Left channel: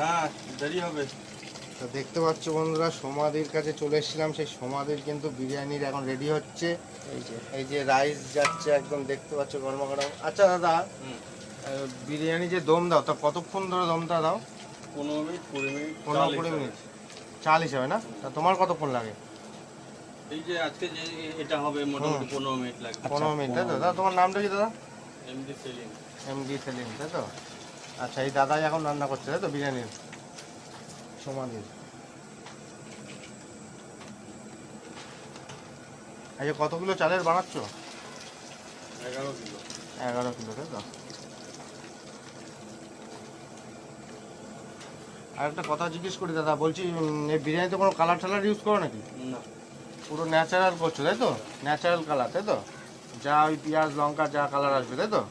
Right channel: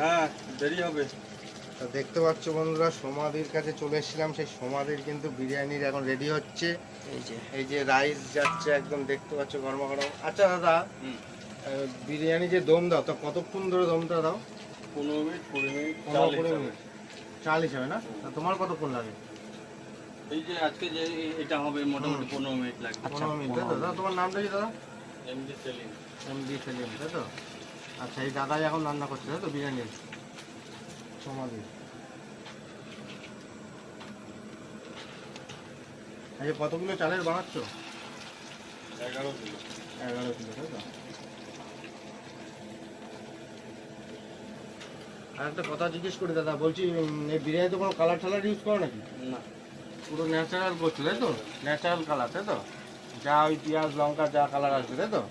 হ্যাঁ দেরি হবে। তো দেখতে পাচ্ছ বন্ধুরা, সমাধির কাছে চলে এসেছিলাম। সেই সমাধির কিন্তু বিরিয়ানির এখন রেডি হচ্ছে। এই যে রাইস যাচ্ছে একদম, দেখতে পাচ্ছ গরমা গরম। আচ্ছা দাদা, বিরিয়ানি যে দম দাও, তা কতক্ষণ ধরে দমটা দাও? 15 মিনিট 20 মিনিট 15-20 মিনিট চাল হিসাবে না? তা তোমার কতক্ষণ লাগে? এই যে আজকে যে এটা হবে মোটামুটি 15 মিনিট লাগবে। 15 মিনিট, তাই তো? দাদা তোমার নামটা কি দাদা? MD selling. এমডি সেলিম, তাই তো? আচ্ছা, এই দাদাই এখন রান্না করছে তাই তো বিরিয়ানি সমাধির? এই যে কত কিলো চালের বানাচ্ছ? 11 কিলো। 11 কিলো, তাই তো? আর একটা কথা জিজ্ঞেস করি দাদা, বলছি এই বিরিয়ানিতে কোনো কালার টালার ইউজ করো নাকি? না, পুরো ন্যাচারাল করছো তাই তো? ন্যাচারাল কালার তাই তো? যা ওই পেঁয়াজ লঙ্কা যা কালার আসবে তাই তো?